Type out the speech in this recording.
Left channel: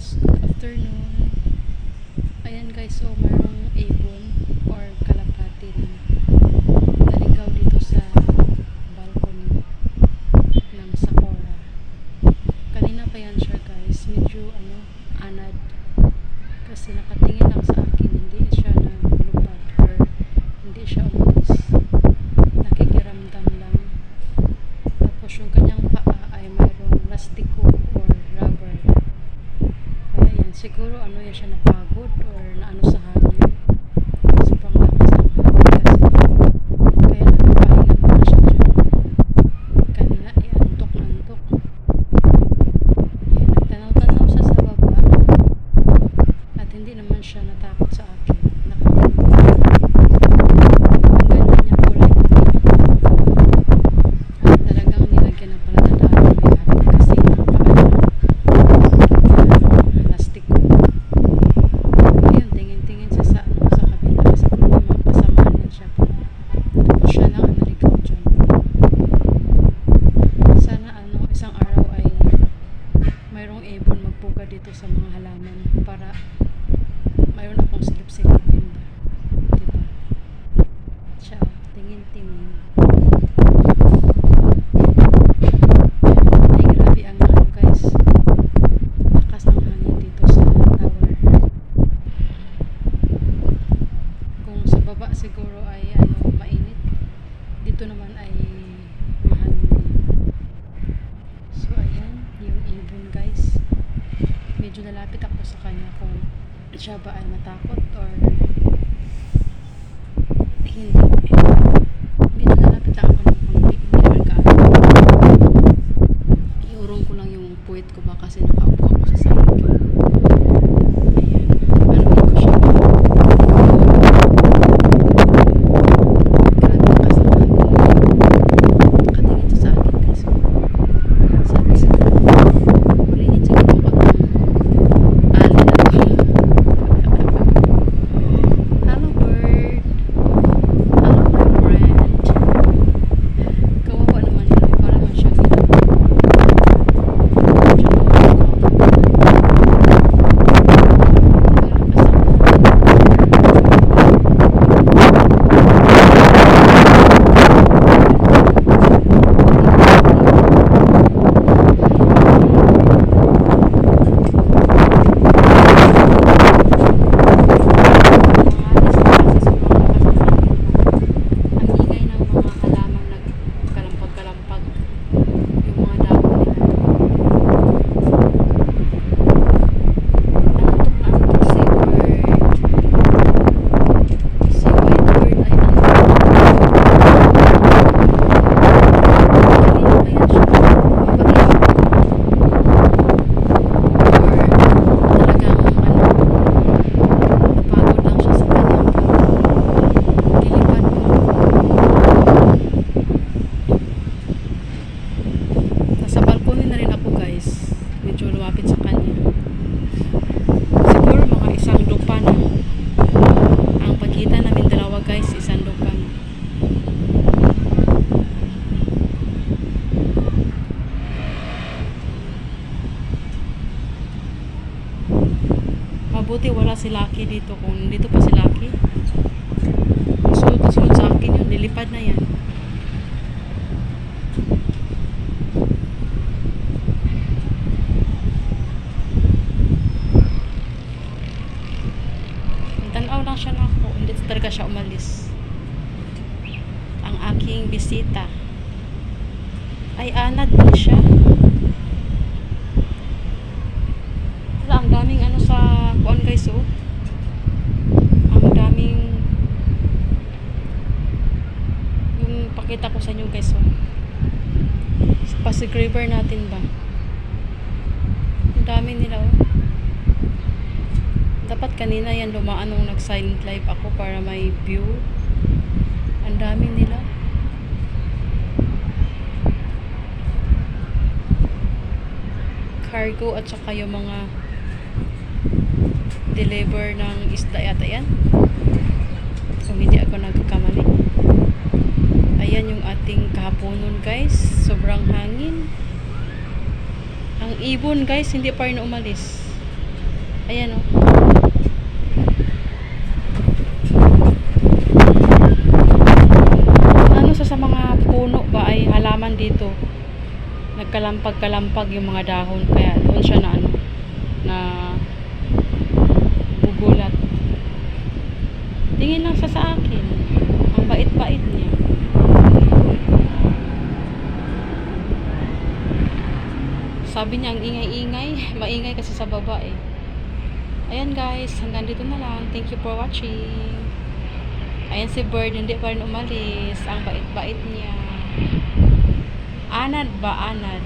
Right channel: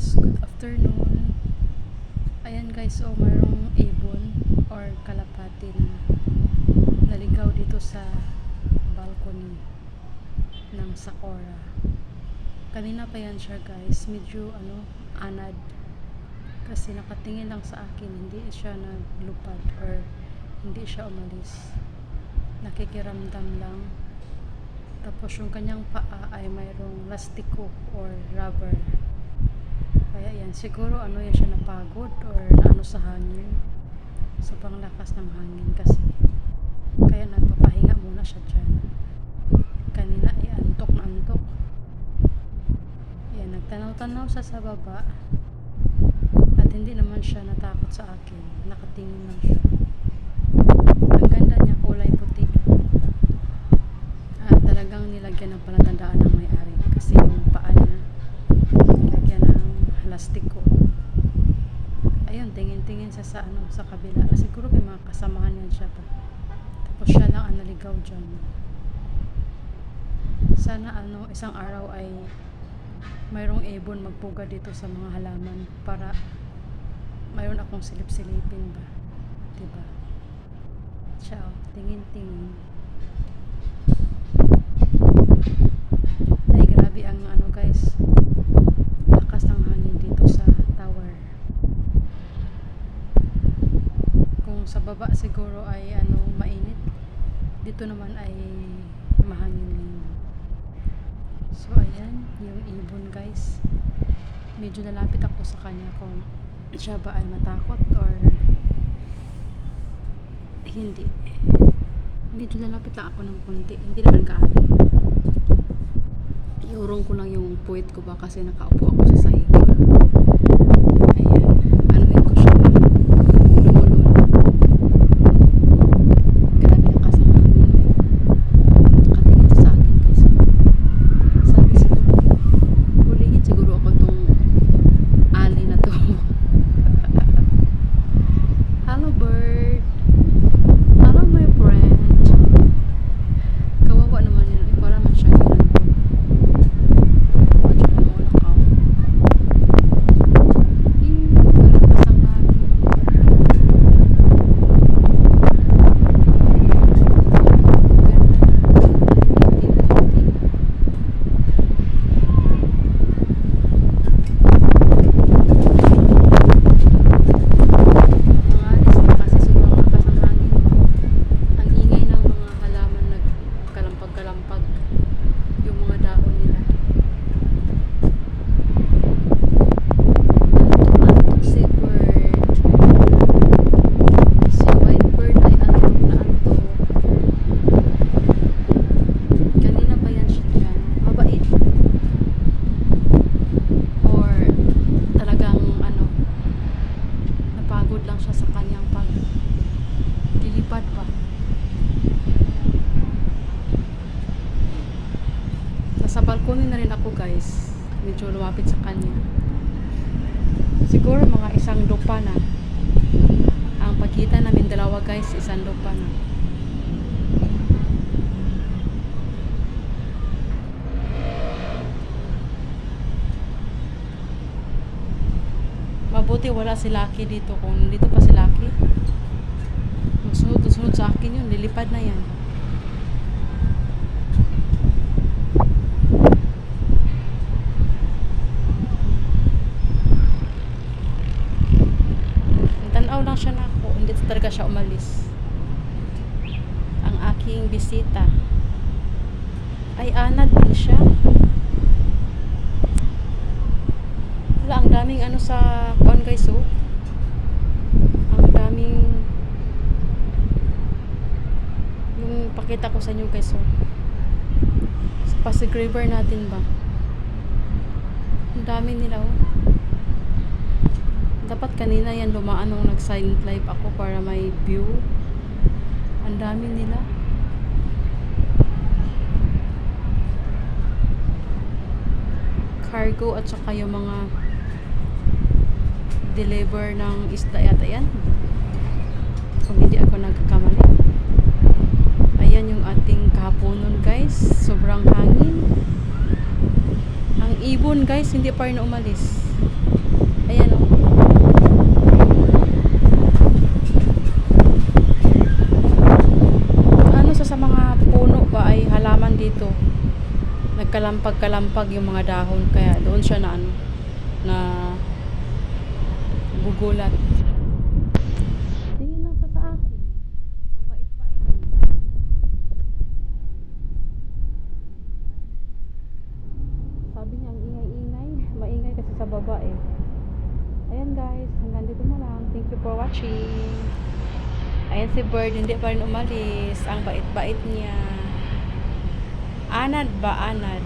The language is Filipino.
guys, good afternoon. Ayan guys, so mayroong ibon or kalapati na naligaw dito sa balcony ng Sakura. Kanina pa yan siya guys, medyo anad kasi nakatingin lang sa akin, hindi siya naglupad or hindi siya umalis, nakikiramdam lang. Tapos yung kanyang paa ay mayroong plastiko or rubber. Kaya yan, siguro yan siya napagod or naano sa hangin. Sobrang lakas ng hangin kasi. Kaya nagpapahinga muna siya dyan. Kanina ay antok na antok. Yan, nagtanaw-tanaw sa baba. At hindi naman siya natakot sa akin. Nakatingin. Ang ganda niya, kulay puti. At talagang nilagyan ng palatandaan ng may-ari kasi yung paa niya plastic. Ayun, tingin-tingin siya sa kabila. Siguro may mga kasamahan yan siya. Tapos siya lang ang naligaw dyan. Sana isang araw ay mayroong ibon magpuga dito sa mga halaman para mayroon akong silip-silipin ba. Diba? Ciao. Tingin-tingin. Ay, grabe ang guys. Lakas ng hangin dito sa tower. Kung sa baba siguro ay mainit, dito naman ay mahangin din. So ayan yung ibon guys, medyo nalapit ako sa kanya kung siya ba ay matakot or hindi. Medyo nalapit lang ako ng konti, hindi naman gaano. Iurong ko lang yung puwit ko ba kasi nakaupo ako sa sahig. Ayan, anuhin ko siya. Grabe na kasi ang hangin. Nakatingin siya sa akin guys. Sabi siguro, hulihin siguro ako ng alin na to. Hello bird. Hello my friend. Kawawa naman nila. Para man siyang na rin ako guys, medyo lumapit sa kanya. Siguro mga isang lupa na ang pagitan namin dalawa guys, isang lupa na. Mabuti wala si Lucky dito. Kung dito pa si Lucky, sunod na sunod sa akin yun, lilipad na yan. Tanaw lang siya na ako, hindi talaga siya umalis. Ang aking bisita ay anad din siya. Wala, ang daming sa kuan guys, oh. Ang daming yung pakita ko sa inyo guys, oh. Pasig River natin ba, ang dami nila, oh. Dapat kanina yan dumaan nung nag-silent live ako para may view. Ang dami nila. Cargo at saka yung mga deliver ng isda yata yan. Kung hindi ako nagkakamali. Ayan yung ating kahaponon guys. Sobrang hangin. Ang ibon guys, hindi pa rin umalis. Ayan oh. Ano sa mga puno ba ay halaman dito. Nagkalampag-kalampag yung mga dahon kaya doon siya na ano na gugulat. Tingin lang siya sa akin. Ang bait-bait niya. Sabi niya ang ingay-ingay. Maingay kasi sa baba eh. Ayan guys, hanggang dito na lang. Thank you for watching. Ayan si Bird, hindi pa rin umalis. Ang bait-bait niya. Anad ba? Anad.